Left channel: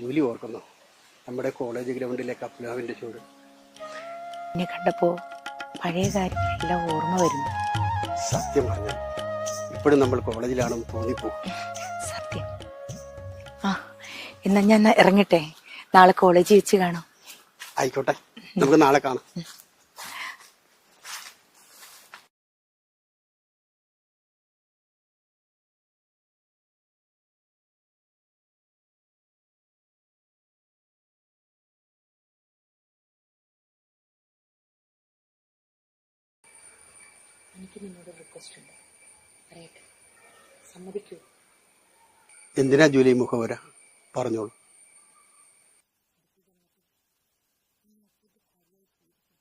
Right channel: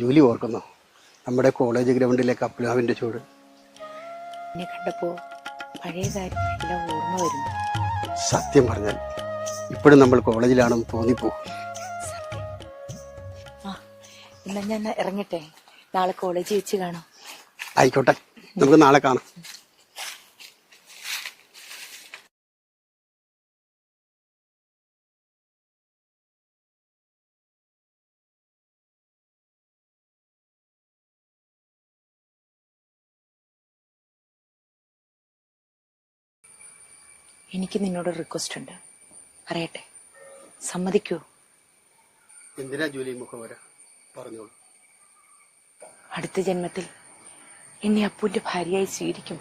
Julie ഓർക്കുന്നോ നമ്മുടെ college ഗ്രൗണ്ടിലെ കപ്ലാവിൻ്റെ ചൂട്? എന്നെ കണ്ടപ്പോ പഴയ കാര്യങ്ങളെല്ലാം ഓർമ്മ വരുന്നു. സത്യം പറഞ്ഞാൽ ഇപ്പോഴും നമ്മൾ കോളേജിലാണെന്ന് തോന്നിപ്പോകും. സത്യം. എന്നാ ഞാൻ ഇറങ്ങട്ടെ, നാളെ കോളേജിൽ വെച്ച് കാണാം. ആയിക്കോട്ടെ, നമുക്ക് നാളെ കാണാം. എനിക്ക് നിന്നോട് റിക്വസ്റ്റ് ഉണ്ട്, പറയട്ടെ, സമ്മതിക്കൂ? എന്തിനാ ജൂലി മുഖവര? പറഞ്ഞോളൂ. അടുത്ത ജന്മത്തിൽ എന്നെ അപ്പുവിന്റെ ഭാര്യയായി സ്വീകരിക്കും.